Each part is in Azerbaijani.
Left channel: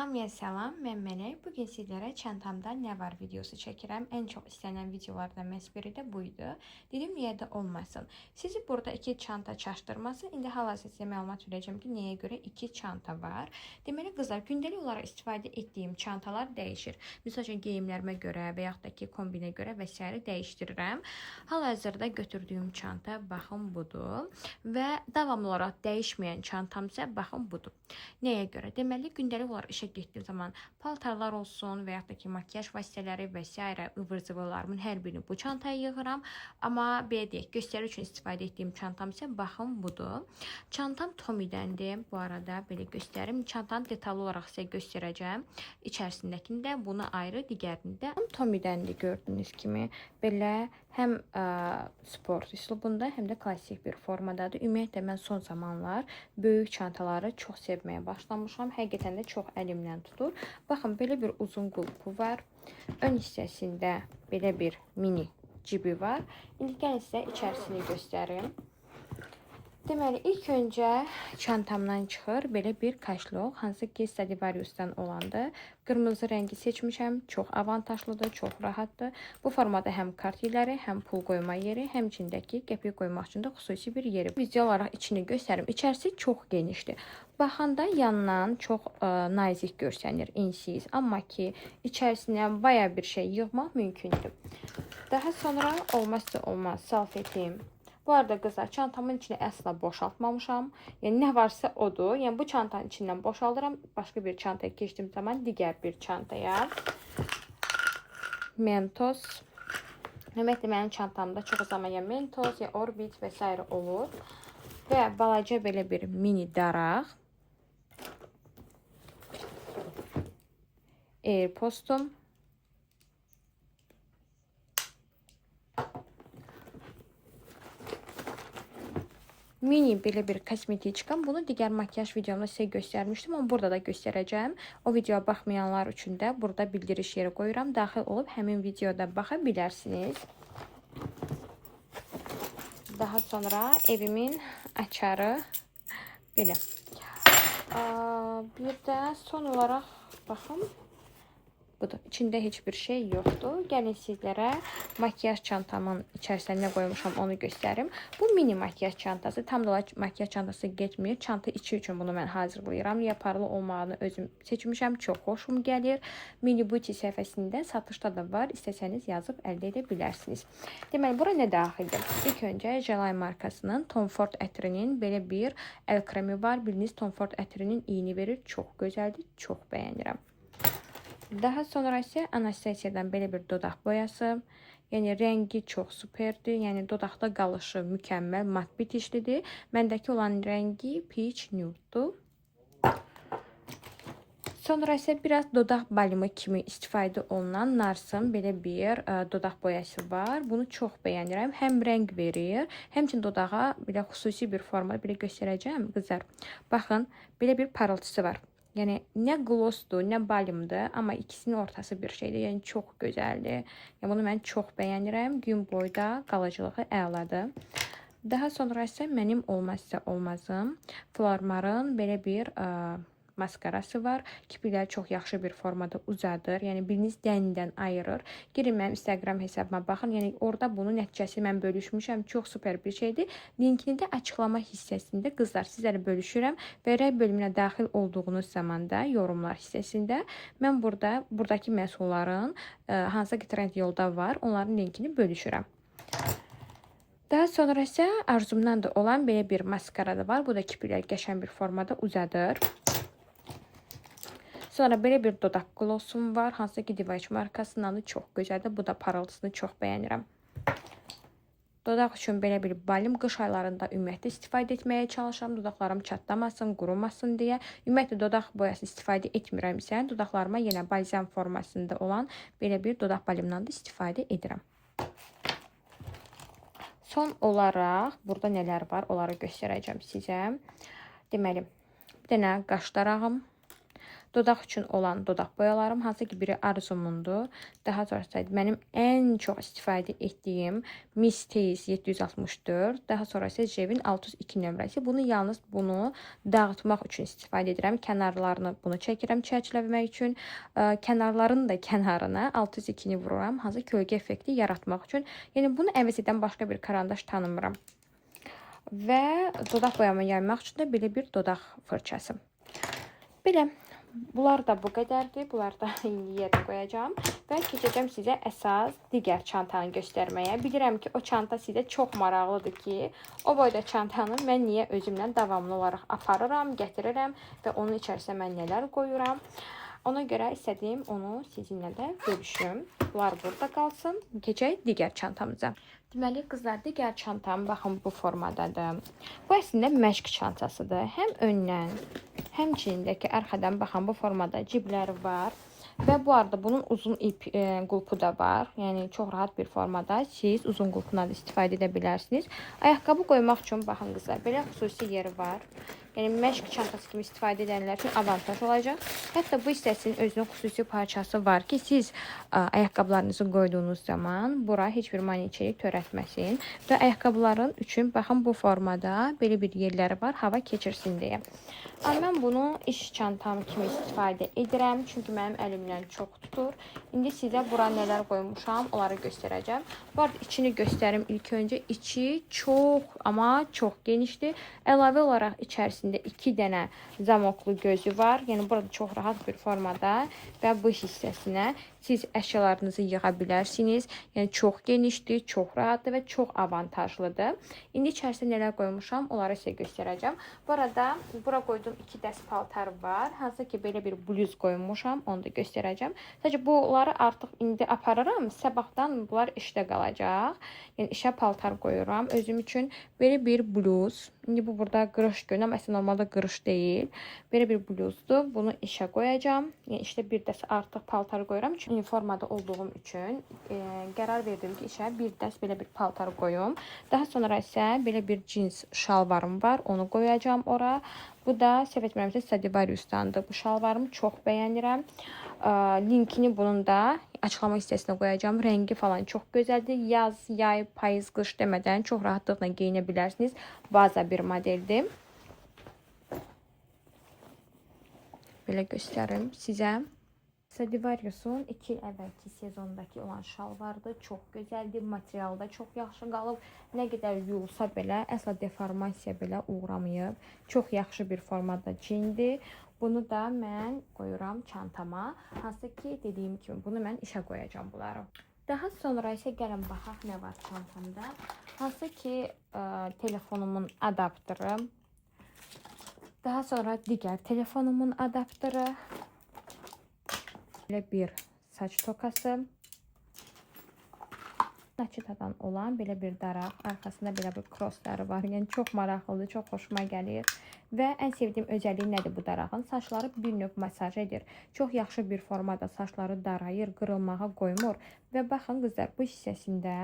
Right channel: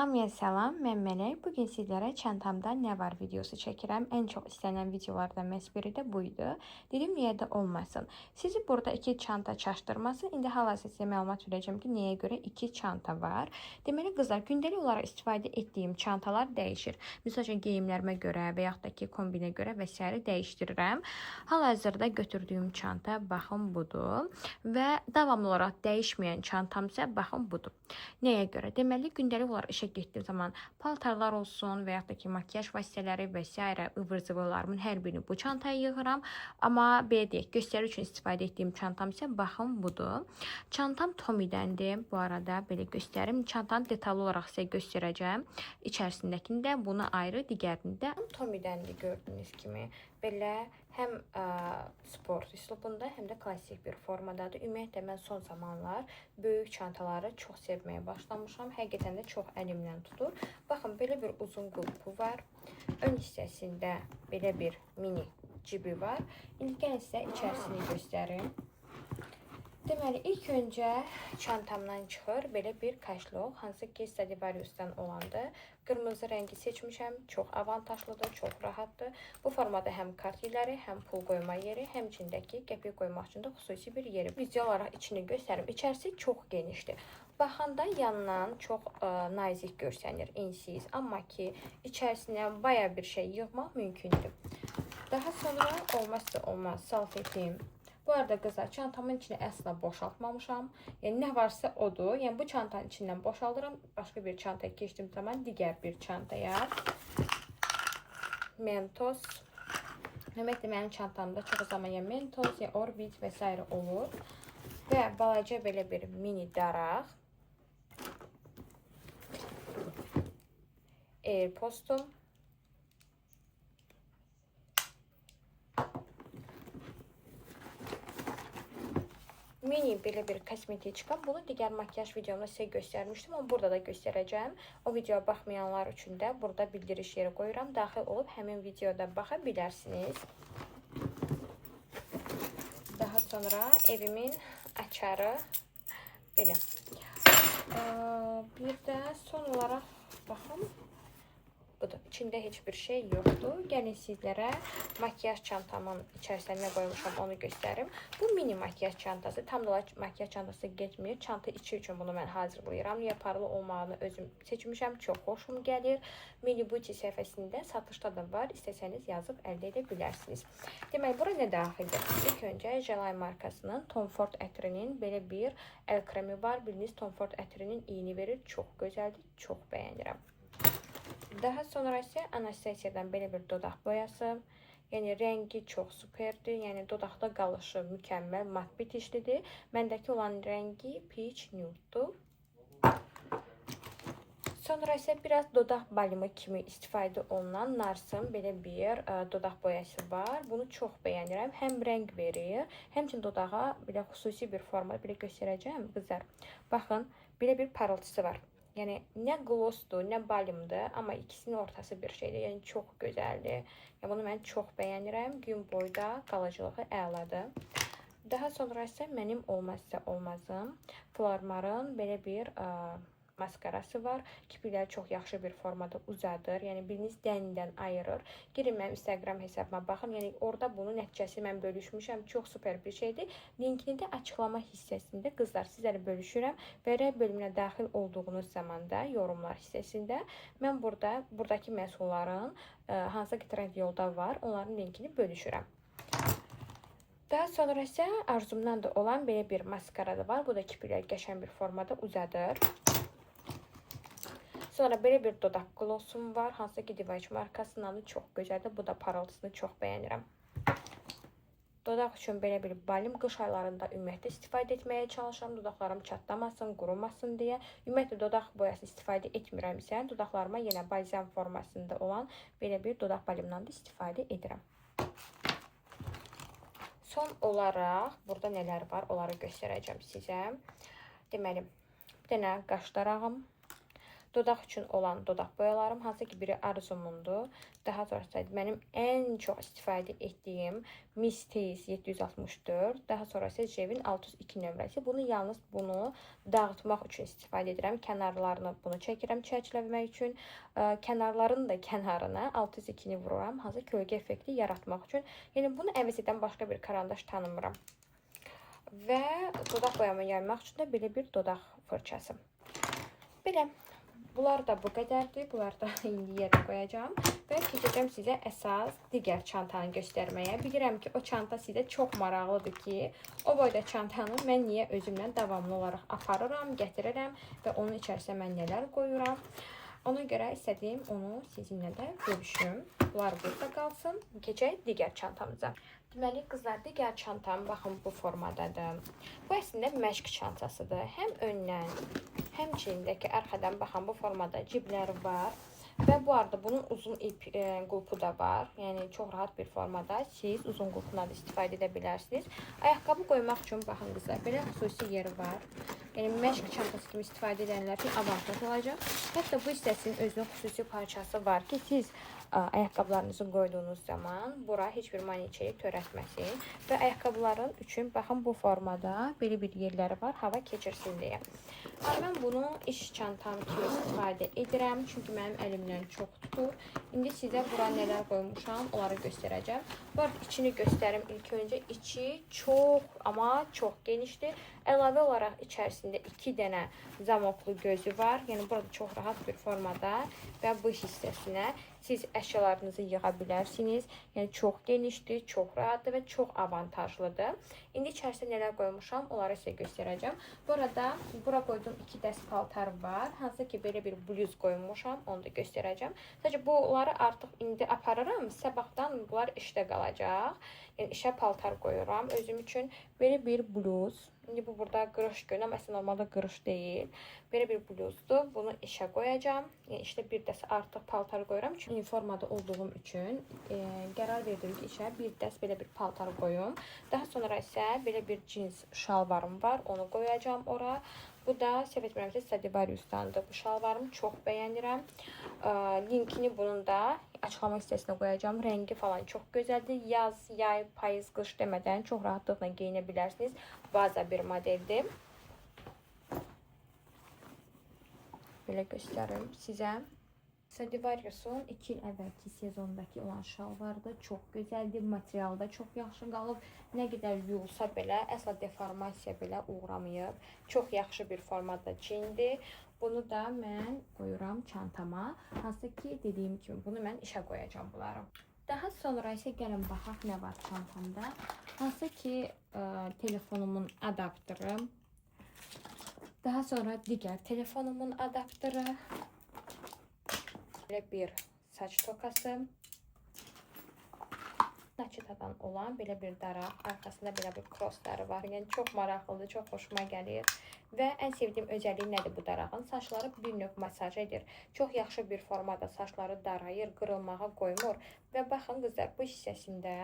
Hamıya salam, mən Mələk. Bugün sizlərə çantamda nə var videosu çəkirəm. Ən çox istənilən videolardan məhz biri də buydu. Dedim, niyə də olmasın. Sizi burada iki çanta çaşdırması. İndi hal-hazırda sizə məlumat verəcəm ki, nəyə görə iki çanta var. Deməli, qızlar, gündəlik olaraq istifadə etdiyim çantalar dəyişir. Məsəl üçün, geyimlərimə görə və yaxud da ki, kombinə görə və s. dəyişdirirəm. Hal-hazırda götürdüyüm çanta, baxın, budur. Və davamlı olaraq dəyişməyən çantam isə, baxın, budur. Nəyə görə? Deməli, gündəlik olaraq işə getdiyim zaman paltarlar olsun və yaxud da ki, makyaj vasitələri və s. ıvır-zıvırlarımın hər birini bu çantaya yığıram. Amma belə deyək, göstəriş üçün istifadə etdiyim çantam isə baxın budur. Çantam Tommy'dəndir. Bu arada belə göstərim. Çantanı detallı olaraq sizə göstərəcəm. İçərisindəkini də, bunu ayrı, digərini də Tommy'dəndir gördüyünüz kimi. Belə həm sport üslubunda, həm də klassik bir formadadır. Ümumiyyətlə, mən son zamanlar böyük çantaları çox sevməyə başlamışam. Həqiqətən də çox əlimdən tutur. Baxın, belə bir uzun qulpu var. Ön hissəsində belə bir mini cibi var. İndi gəlin sizə içərisini göstərim. Deməli, ilk öncə çantamdan çıxır belə bir kaşlok, hansı ki Stradivarius'tan olandır. Qırmızı rəngi seçmişəm, çox avantajlıdır, çox rahatdır. Bu formada həm kart yerləri, həm pul qoyma yeri, həmçindəki qəpik qoymaq üçün də xüsusi bir yeri. Video olaraq içini göstərim. İçərisi çox genişdir. Baxanda yandan çox nazik görsənir, ensiz. Amma ki, içərisinə baya bir şey yığmaq mümkündür. Daha sonra olmazsa olmaz salfetim. Bu arada qızlar, çantamın içini əsla boşaltmamışam. Yəni, nə varsa odur. Yəni, bu çantanın içindən boşaldıram. Başqa bir çantaya keçdiyim zaman digər bir çantaya. Mentos. Ümumiyyətlə, mənim çantamda çox zaman ya Mentos, ya Orbit və s. olur. Və balaca belə bir mini daraq. Airpostum. Mini belə bir kosmetiçkam. Bunu digər makyaj videomda sizə göstərmişdim, amma burada da göstərəcəm. O videoya baxmayanlar üçün də burada bildiriş yeri qoyuram. Daxil olub həmin videoda baxa bilərsiniz. Daha sonra evimin açarı belə. Bir də son olaraq baxın. Budur. İçində heç bir şey yoxdur. Gəlin sizlərə makyaj çantamın içərisində nə qoymuşam onu göstərim. Bu mini makyaj çantası. Tam da makyaj çantası getmir. Çanta içi üçün bunu mən hazırlayıram. Yaparlı olmağını özüm seçmişəm. Çox xoşum gəlir. Mini Beauty səhifəsində satışda da var. İstəsəniz yazıb əldə edə bilərsiniz. Deməli, bura nə daxildir? İlk öncə Jelay markasının Tom Ford ətrinin belə bir əl kremi var. Biliniz, Tom Ford ətrinin iyini verir. Çox gözəldir. Çox bəyənirəm. Daha sonra isə Anastasia'dan belə bir dodaq boyası. Yəni, rəngi çox superdir. Yəni, dodaqda qalışı mükəmməl, mat bitişlidir. Məndəki olan rəngi Peach Nude-dur. Sonra isə biraz dodaq balımı kimi istifadə olunan Nars'ın belə bir dodaq boyası var. Bunu çox bəyənirəm. Həm rəng verir, həmçinin dodağa belə xüsusi bir formada belə göstərəcəm. Qızlar, baxın, belə bir parıltısı var. Yəni, nə glossdur, nə balımdır, amma ikisinin ortası bir şeydir. Yəni, çox gözəldir. Yəni, bunu mən çox bəyənirəm. Gün boyda qalıcılığı əladır. Daha sonra isə mənim olmazsa olmazım Flormar'ın belə bir maskarası var. Kiprikləri çox yaxşı bir formada uzadır. Yəni, biriniz dənindən ayırır. Girin mənim Instagram hesabıma baxın. Yəni, orada bunun nəticəsi mən bölüşmüşəm. Çox super bir şeydir. Linkini də açıqlama hissəsində qızlar sizlərə bölüşürəm. Və rəy bölümünə daxil olduğunuz zamanda yorumlar hissəsində mən buradakı məhsulların hansı ki trend yolda var, onların linkini bölüşürəm. Daha sonra isə arzumdan da olan belə bir maskara da var. Bu da kiprikləri qəşəng bir formada uzadır. Sonra belə bir dodaq glossum var. Hansı ki Divaç markasından da çox gözəldir. Bu da parıltısını çox bəyənirəm. Dodaq üçün belə bir balım. Qış aylarında ümumiyyətlə istifadə etməyə çalışıram. Dodaqlarım çatlamasın, qurumasın deyə. Ümumiyyətlə dodaq boyası istifadə etmirəmsə, dodaqlarıma yenə balzam formasında olan belə bir dodaq balımdan da istifadə edirəm. Son olaraq burada nələr var, onları göstərəcəm sizə. Deməli, bir dənə qaş darağım. Dodaq üçün olan dodaq boyalarım, hansı ki biri Arzumundur. Daha sonrası mənim ən çox istifadə etdiyim Miss Taste 764. Daha sonra isə Jevin 602 nömrəsi. Bunu yalnız bunu dağıtmaq üçün istifadə edirəm. Kənarlarını bunu çəkirəm çərçivələmək üçün. Kənarların da kənarına 602-ni vururam, hansı kölgə effekti yaratmaq üçün. Yəni bunu əvəz edən başqa bir karandaş tanımıram. Və dodaq boyama yaymaq üçün də belə bir dodaq fırçası. Belə, bunlar da bu qədərdir. Bunları da yerə qoyacağım. Və keçəcəm sizə əsas digər çantanı göstərməyə. Bilirəm ki, o çanta sizə çox maraqlıdır ki, o boyda çantanı mən niyə özümlə davamlı olaraq aparıram, gətirirəm və onun içərisinə mən nələr qoyuram. Ona görə istədiyim onu sizinlə də bölüşüm. Bunlar burada qalsın. Keçək digər çantamıza. Deməli, qızlar, digər çantam, baxın, bu formadadır. Bu əslində məşq çantasıdır. Həm öndən, həmçinindəki arxadan, baxın, bu formada cibləri var. Və bu arada bunun uzun ip qulpu da var. Yəni, çox rahat bir formada siz uzun qulpundan da istifadə edə bilərsiniz. Ayaqqabı qoymaq üçün, baxın, qızlar, belə xüsusi yeri var. Yəni, məşq çantası kimi istifadə edənlər üçün avantaj olacaq. Hətta bu hissəsinin özünün xüsusi parçası var ki, siz ayaqqabılarınızı qoyduğunuz zaman bura heç bir maneçeyi törətməsin. Və ayaqqabıların üçün, baxın, bu formada belə bir yerləri var, hava keçirsin deyə. Mən bunu iş çantam kimi istifadə edirəm, çünki mənim əlimdən çox tutur. İndi sizə bura nələr qoymuşam, onları göstərəcəm. Bu arada içini göstərim ilk öncə. İçi çox, amma çox genişdir. Əlavə olaraq içərisində 2 dənə zamoklu gözü var. Yəni, burada çox rahat bir formada və bu hissəsinə siz əşyalarınızı yığa bilərsiniz. Yəni, çox genişdir, çox rahatdır və çox avantajlıdır. İndi içərisində nələr qoymuşam, onları sizə göstərəcəm. Bu arada, bura qoyduğum 2 dəst paltar var. Hansı ki, belə bir bluz qoymuşam, onu da göstərəcəm. Sadəcə, bunları artıq indi aparıram. Sabahdan bunlar işdə qalacaq. Yəni, işə paltar qoyuram özüm üçün. Belə bir bluz. İndi bu burada qırış görünəm. Əslində, normalda qırış deyil. Belə bir bluzdur. Bunu işə qoyacağam. Yəni, işdə bir dəst artıq paltar qoyuram. Çünki formada olduğum üçün qərar verdim ki, işə bir dəst belə bir paltar qoyum. Daha sonra isə belə bir cins şalvarım var. Onu qoyacağım ora. Bu da səhv etmirəmsə Stradivarius'dandır. Bu şalvarımı çox bəyənirəm. Linkini bunun da açıqlama hissəsinə qoyacağım. Rəngi falan çox gözəldir. Yaz, yay, payız, qış demədən çox rahatlıqla geyinə bilərsiniz. Vaza bir modeldir. Belə göstərim sizə. Stradivarius'un 2 il əvvəlki sezondakı olan şalvardır. Çox gözəldir. Material da çox yaxşı qalıb. Nə qədər yuyulsa belə, əsla deformasiya belə uğramayıb. Çox yaxşı bir formada cindir. Bunu da mən qoyuram çantama. Hansı ki, dediyim kimi, bunu mən işə qoyacağım bunları. Daha sonra isə gəlin baxaq nə var çantamda. Hansı ki, telefonumun adaptörü. Daha sonra digər telefonumun adaptörü. Belə bir saç tokası. Naçitadan olan belə bir daraq. Arxasında belə bir crossları var. Yəni, çox maraqlıdır, çox xoşuma gəlir. Və ən sevdiyim özəlliyi nədir bu darağın? Saçları bir növ masaj edir. Çox yaxşı bir formada saçları darayır, qırılmağa qoymur. Və baxın, qızlar, bu hissəsində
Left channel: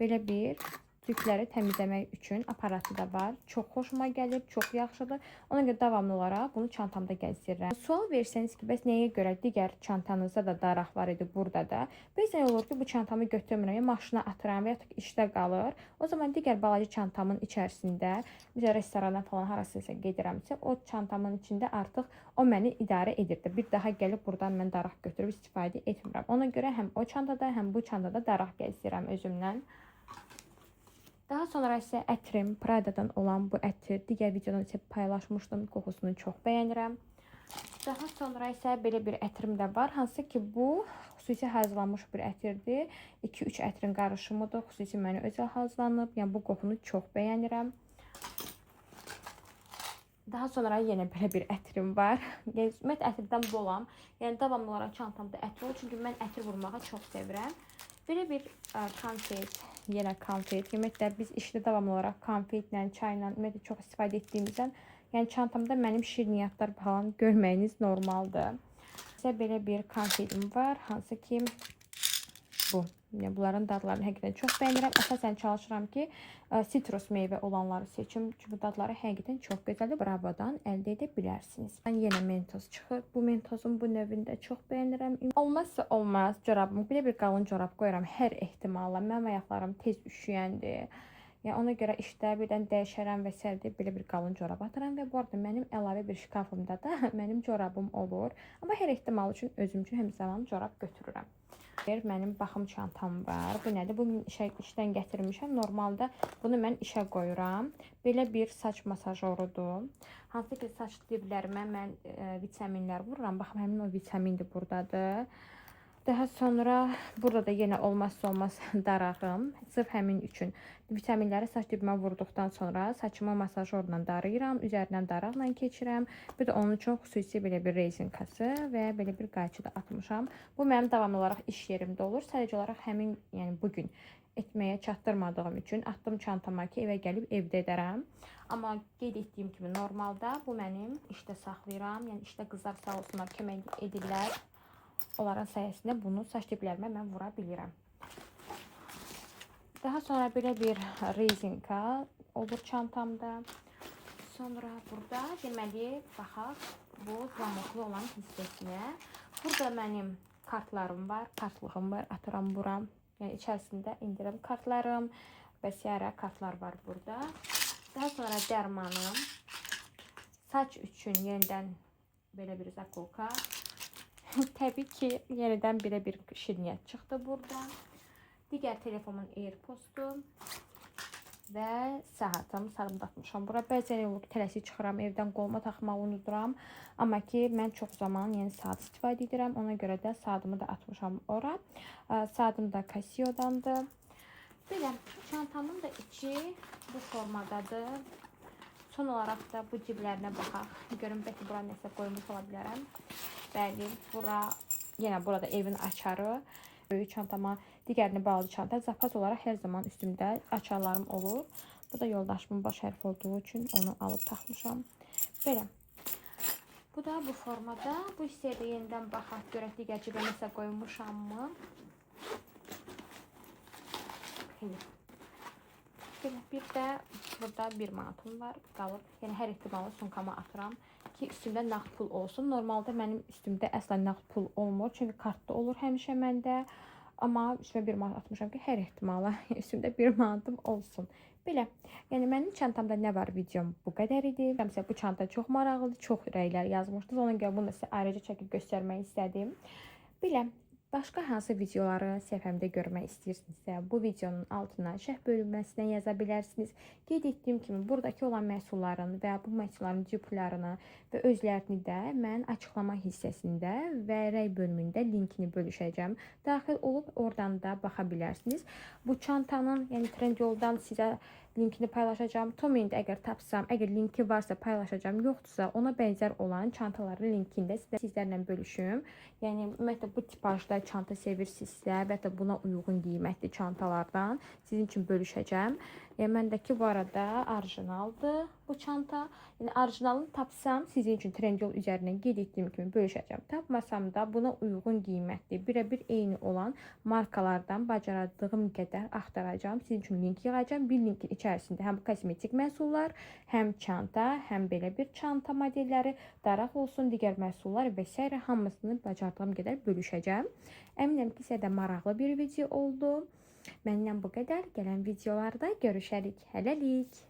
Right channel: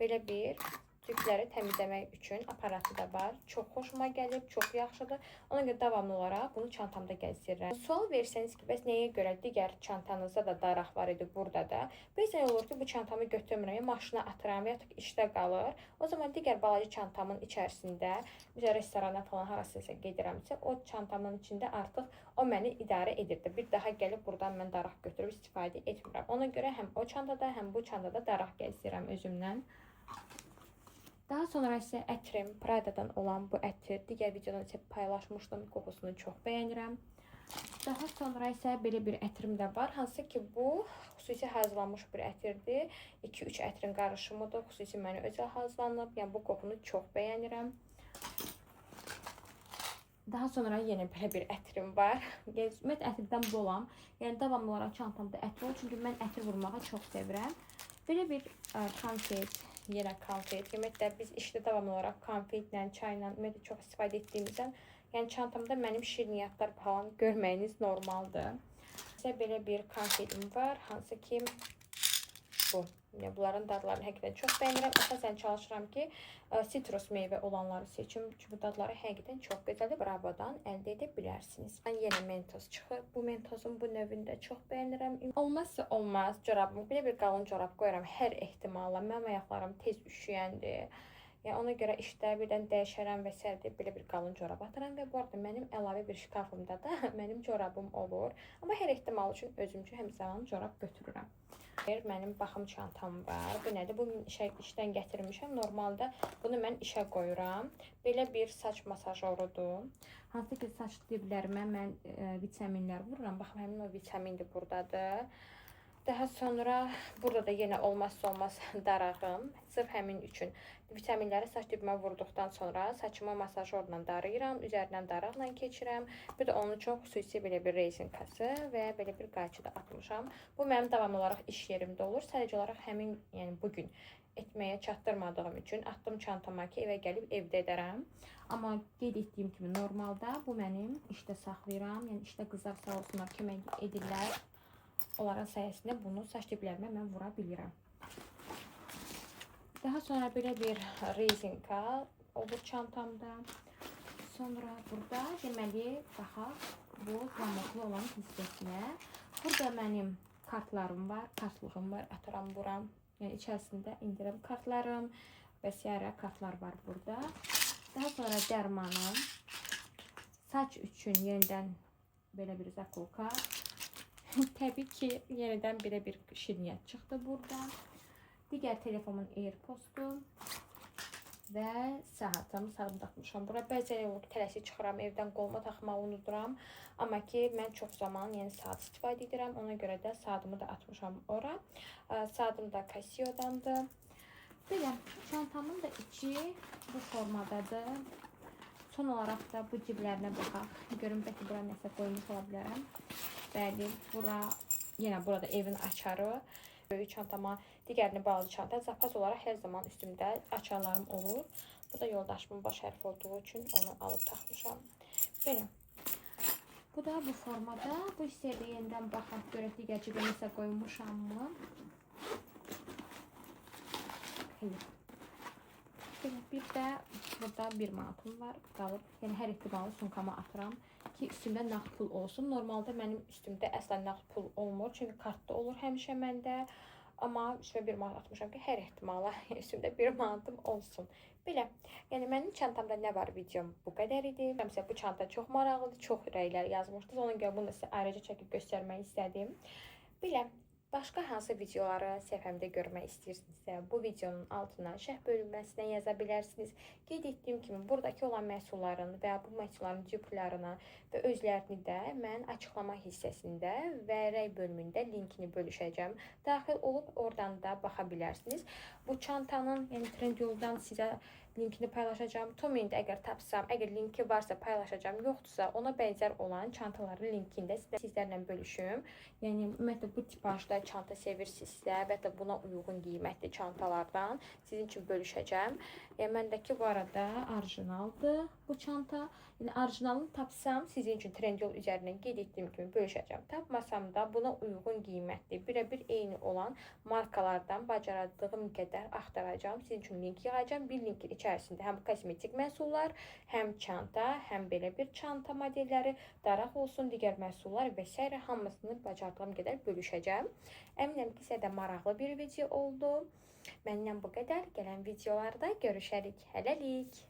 belə bir tükləri təmizləmək üçün aparatı da var. Çox xoşuma gəlir, çox yaxşıdır. Ona görə davamlı olaraq bunu çantamda gəzdirirəm. Sual versəniz ki, bəs nəyə görə digər çantanızda da daraq var idi, burada da? Bəzən olur ki, bu çantamı götürmürəm, maşına atıram və ya işdə qalır. O zaman digər balaca çantamın içərisində, bizə restorana falan harasınsa gedirəmsə, o çantamın içində artıq o məni idarə edirdi. Bir daha gəlib buradan mən daraq götürüb istifadə etmirəm. Ona görə həm o çantada, həm bu çantada daraq gəzdirirəm özümdən. Daha sonra isə ətrim, Prada'dan olan bu ətir, digər videodan isə paylaşmışdım, qoxusunu çox bəyənirəm. Daha sonra isə belə bir ətrim də var, hansı ki, bu xüsusi hazırlanmış bir ətirdir. 2-3 ətrin qarışımıdır, xüsusi mənə özəl hazırlanıb, yəni bu qoxunu çox bəyənirəm. Daha sonra yenə belə bir ətrim var. Ümumiyyət ətirdən bolam, yəni davamlı olaraq çantamda ətir olur, çünki mən ətir vurmağı çox sevirəm. Belə bir konfet. Yenə konfet. Ümumiyyətlə, biz işdə davamlı olaraq konfetlə, çayla çox istifadə etdiyimizdən, yəni çantamda mənim şirniyyatlar falan görməyiniz normaldır. Sizə belə bir konfetim var, hansı ki, bu. Yəni bunların dadlarını həqiqətən çox bəyənirəm. Əsasən çalışıram ki, sitrus meyvə olanları seçim. Çünki dadları həqiqətən çox gözəldir. Bravodan əldə edə bilərsiniz. Mən yenə mentos çıxır. Bu mentozun bu növündə çox bəyənirəm. Olmazsa olmaz corabım. Bir qalın corab qoyuram hər ehtimala. Mənim ayaqlarım tez üşüyəndir. Yəni ona görə işdə birdən dəyişərəm və sərdə belə bir qalın corab atıram və bu arada mənim əlavə bir şkafımda da mənim corabım olur. Amma hər ehtimal üçün özüm üçün hər zaman corab götürürəm. Mənim baxım çantam var. Bu nədir? Bugün işdən gətirmişəm. Normalda bunu mən işə qoyuram. Belə bir saç masajorudur. Hansı ki saç diblərimə mən vitaminlər vururam. Baxın, həmin o vitamindir buradadır. Daha sonra burada da yenə olmazsa olmaz darağım. Sırf həmin üçün vitaminləri saç dibimə vurduqdan sonra saçımı masajorla darayıram. Üzərindən daraqla keçirəm. Bir də onun üçün xüsusi belə bir rezinkası və belə bir qayçı da atmışam. Bu mənim davamlı olaraq iş yerimdə olur. Sadəcə olaraq həmin, yəni bugün etməyə çatdırmadığım üçün atdım çantama ki, evə gəlib evdə edərəm. Amma qeyd etdiyim kimi normalda bu mənim işdə saxlayıram. Yəni işdə qızlar sağ olsunlar kömək edirlər. Onların sayəsində bunu saç diblərimə mən vura bilirəm. Daha sonra belə bir rezinka olur çantamda. Sonra burada deməli baxaq bu pamuklu olan hissəsinə. Burada mənim kartlarım var, kartlığım var, atıram buram. Yəni içərisində indirim kartlarım və sairə kartlar var burada. Daha sonra dərmanım, saç üçün yenidən belə bir zakolka. Təbii ki, yenidən belə bir şirniyyət çıxdı burada. Digər telefonumun AirPods'u və saatım. Saatımı taxmışam bura. Bəzən olur tələsik çıxıram, evdən qoluma taxmağı unuduram. Amma ki, mən çox zaman yeni saat istifadə edirəm. Ona görə də saatımı da atmışam ora. Saatım da Casio'dandır. Belə, çantamın da içi bu formadadır. Son olaraq da bu ciblərinə baxaq. Görün, bəlkə bura nəsə qoymuş ola bilərəm. Bəli, bura, yenə burada evin açarı. Böyük çantama, digərini bağlı çanta. Zapas olaraq hər zaman üstümdə açarlarım olur. Bu da yoldaşımın baş hərfi olduğu üçün onu alıb taxmışam. Belə. Bu da bu formada. Bu hissəyə də yenidən baxaq. Görək digər cibə nəsə qoymuşammı? Bir də burada 1 manatım var, qalıb. Yəni hər ehtimalı sumkama atıram ki, üstümdə nağd pul olsun. Normalda mənim üstümdə əsla nağd pul olmur, çünki kartda olur həmişə məndə. Amma üstümə 1 manat atmışam ki, hər ehtimalı üstümdə 1 manatım olsun. Belə, yəni mənim çantamda nə var videom bu qədər idi. Bu çanta çox maraqlıdır, çox rəylər yazmışdınız. Ona görə bunu sizə ayrıca çəkib göstərmək istədim. Belə. Başqa hansı videoları səhifəmdə görmək istəyirsinizsə, bu videonun altına şərh bölünməsinə yaza bilərsiniz. Qeyd etdiyim kimi, buradakı olan məhsulların və bu məhsulların duplarını və özlərini də mən açıqlama hissəsində və rəy bölümündə linkini bölüşəcəm. Daxil olub oradan da baxa bilərsiniz. Bu çantanın, yəni Trendyoldan sizə linkini paylaşacağım. Tomində əgər tapsam, əgər linki varsa paylaşacağım, yoxdursa ona bənzər olan çantaların linkini də sizlərlə bölüşüm. Yəni ümumiyyətlə bu tipajda çanta sevirsinizsə və də buna uyğun qiymətli çantalardan sizin üçün bölüşəcəm. Yəni məndəki bu arada orijinaldır bu çanta. Yəni orijinalını tapsam sizin üçün Trendyol üzərindən qeyd etdiyim kimi bölüşəcəm. Tapmasam da buna uyğun qiymətli, birə-bir eyni olan markalardan bacardığım qədər axtaracağım. Sizin üçün link yığacağım. Bir linkin içərisində həm kosmetik məhsullar, həm çanta, həm belə bir çanta modelləri, daraq olsun, digər məhsullar və s. hamısını bacardığım qədər bölüşəcəm. Əminəm ki, sizə də maraqlı bir video oldu. Məndən bu qədər. Gələn videolarda görüşərik. Hələlik.